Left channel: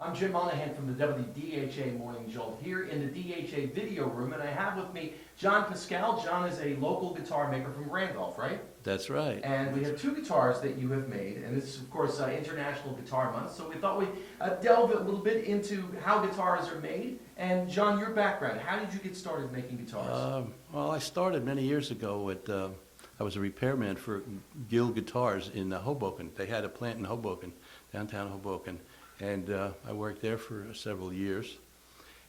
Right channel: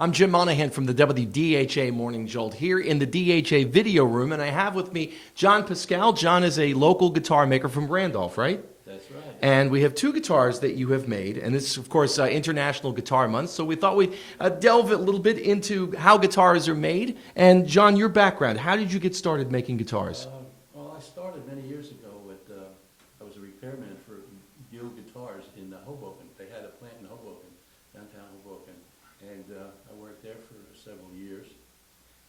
I'm Jim Monahan from the WDHA Morning Jolt here in the DHA video room, and I have with me John Pascal. John is a local guitar maker from Randolph, right? That's right. And we have two guitars that you have made, and this is, of course, International Guitar Month, so we thought we'd delve a little bit into how guitars are made. And John, your background, how did you get started making guitars? Well, I started many years ago at, I was a repairman for Gill Guitars in Hoboken. They had a plant in Hoboken, downtown Hoboken. And I worked there for several years.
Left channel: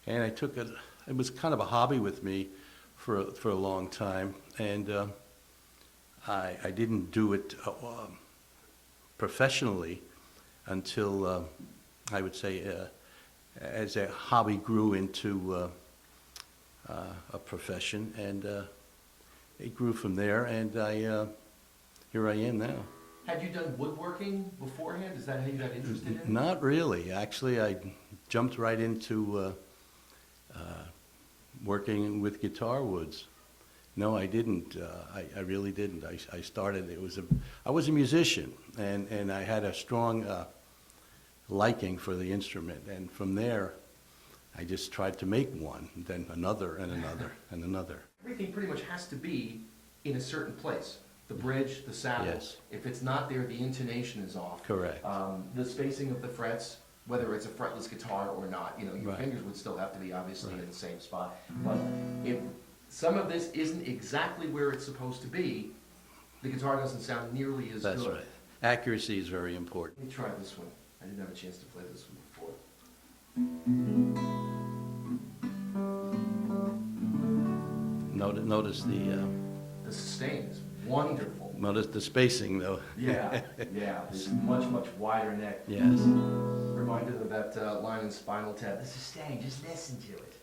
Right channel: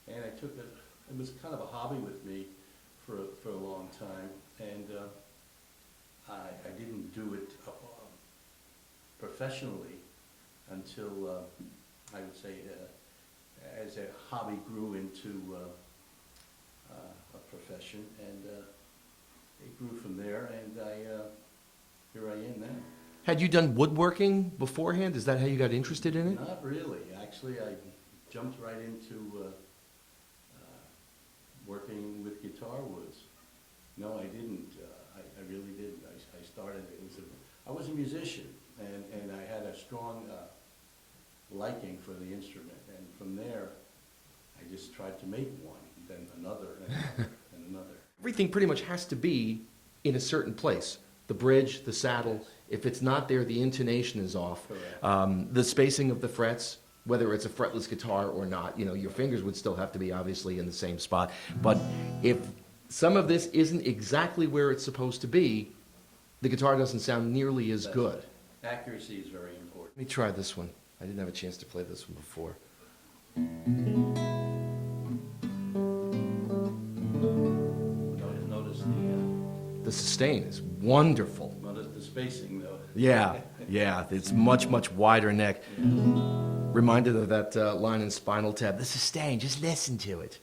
And I took it, it was kind of a hobby with me for a long time. And I didn't do it professionally until, I would say, as a hobby grew into a profession. And it grew from there, and here I am now. Had you done woodworking beforehand? Is that how you got interested in it? Not really. Actually, I jumped right into working with guitar woods. No, I didn't. I really didn't. I started, I was a musician, and I had a strong liking for the instrument. And from there, I just tried to make one, then another, and another, and another. Everything pretty much has to be in a certain place. The bridge, the saddle. Yes. If it's not there, the intonation is off. Correct. The spacing of the frets, whether it's a fretless guitar or not, you know, your Right. fingers would still have to be obviously in the same spot. But if some of this isn't exactly where it's supposed to be, the guitar doesn't sound nearly as That's good. right. Accuracy is very important. Let me try this one. I didn't have a chance to play this one before. Notice The sustain is wonderful. notice the spacing, though. Yeah, yeah, it's much wider neck. Yes. Reminded of that line in Spinal Tap. The sustain, just listen to it.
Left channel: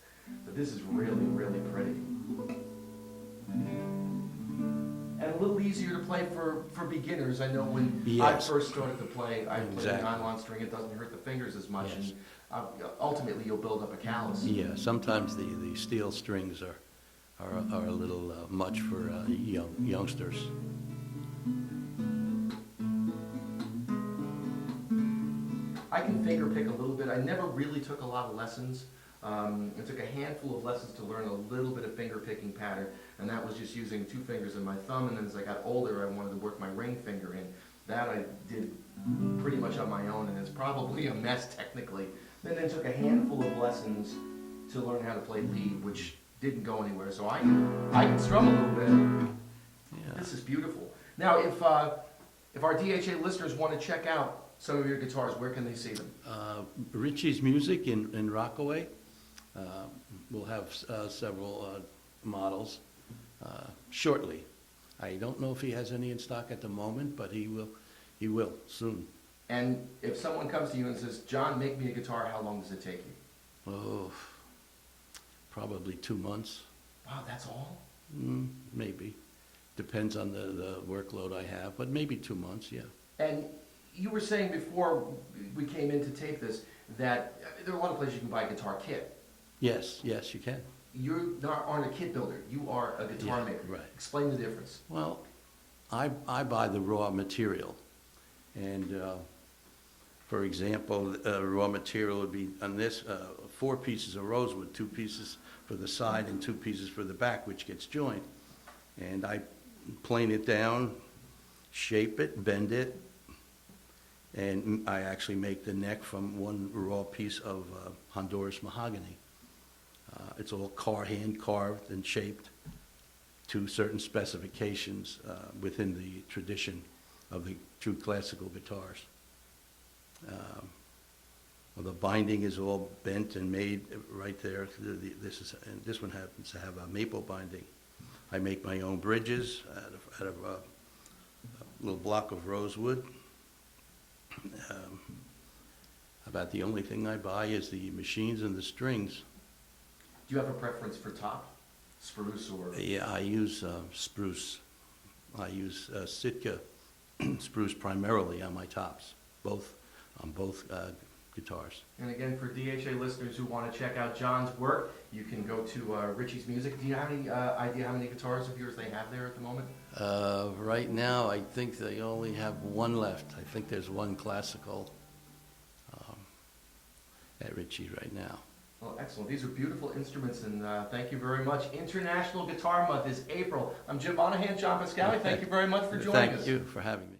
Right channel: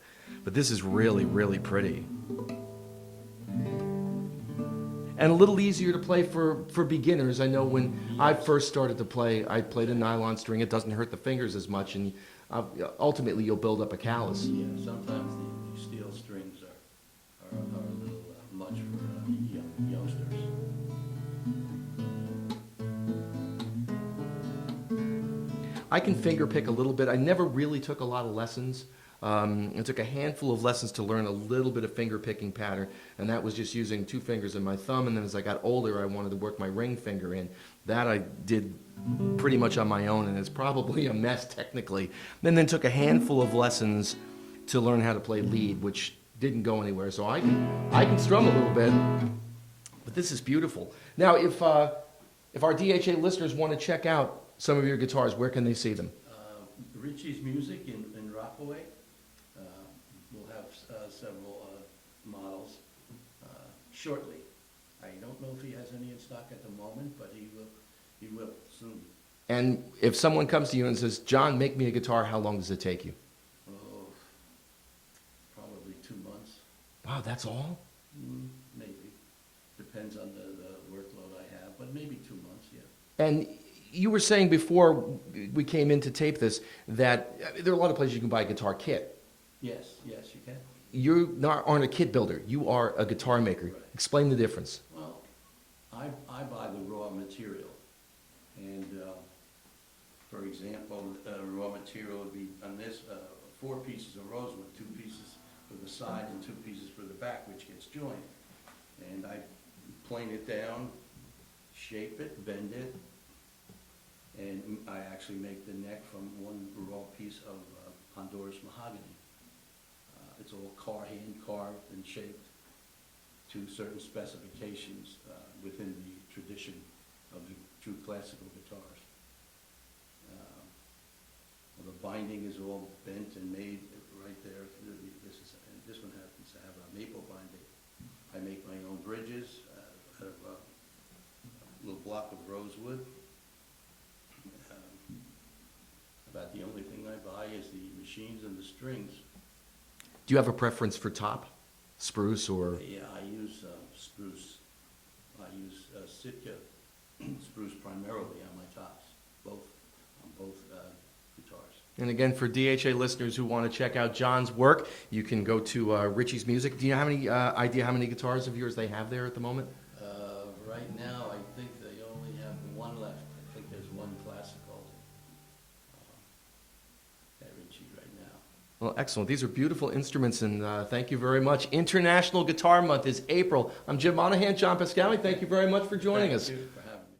But this is really pretty. And a little easier to play for beginners. I know when I Yes. first started to play, I played a Exactly. nylon string. It doesn't hurt the fingers as much, Yes. and ultimately you'll build up a callus. Yeah, sometimes the steel strings are a little much for youngsters. I can finger pick a little bit. I never really took a lot of lessons. I took a handful of lessons to learn a little bit of finger picking pattern, and that was just using two fingers and my thumb. And then as I got older, I wanted to work my ring finger in. That I did pretty much on my own, and it's probably a mess technically. Then took a handful of lessons to learn how to play lead, which didn't go anywhere. So I can strum a little bit. But this is beautiful. Now, if our DHA listeners want to check out some of your guitars, where can they see them? Ritchies Music in Rockaway. We'll have several models shortly. I don't know if he has any in stock at the moment, but he will soon. And if someone comes to you and says, John, make me a guitar, how long does it take you? Oh, probably 2 months. Wow, that's all? Maybe. Depends on the workload I have, but maybe 2 months, yeah. And you were saying before we came in to tape this that there are a lot of places you can buy a guitar kit. Yes, you can. You aren't a kit builder. You are a guitar Yeah, maker. right. Explain the difference. Well, I buy the raw material, and for example, raw material would be on this 4 pieces of rosewood, 2 pieces for the side and 2 pieces for the back, which gets joined. And I plane it down, shape it, bend it, and I actually make the neck from one raw piece of Honduras mahogany. It's all hand carved and shaped to certain specifications within the tradition of the true classical guitars. Well, the binding is all bent and made right there. This one happens to have a maple binding. I make my own bridges out of a little block of rosewood. About the only thing I buy is the machines and the strings. Do you have a preference for top? Spruce or? Yeah, I use spruce. I use Sitka spruce primarily on my tops, on both guitars. And again, for DHA listeners who want to check out John's work, you can go to Ritchies Music. Do you have any idea how many guitars of yours they have there at the moment? Right now, I think they only have one left. I think there's one classical. Ritchie right now. Well, excellent. These are beautiful instruments, and thank you very much. International Guitar Month is April. I'm Jim Monahan, John Pascali. Thank you very much for joining us. Thank you for having me.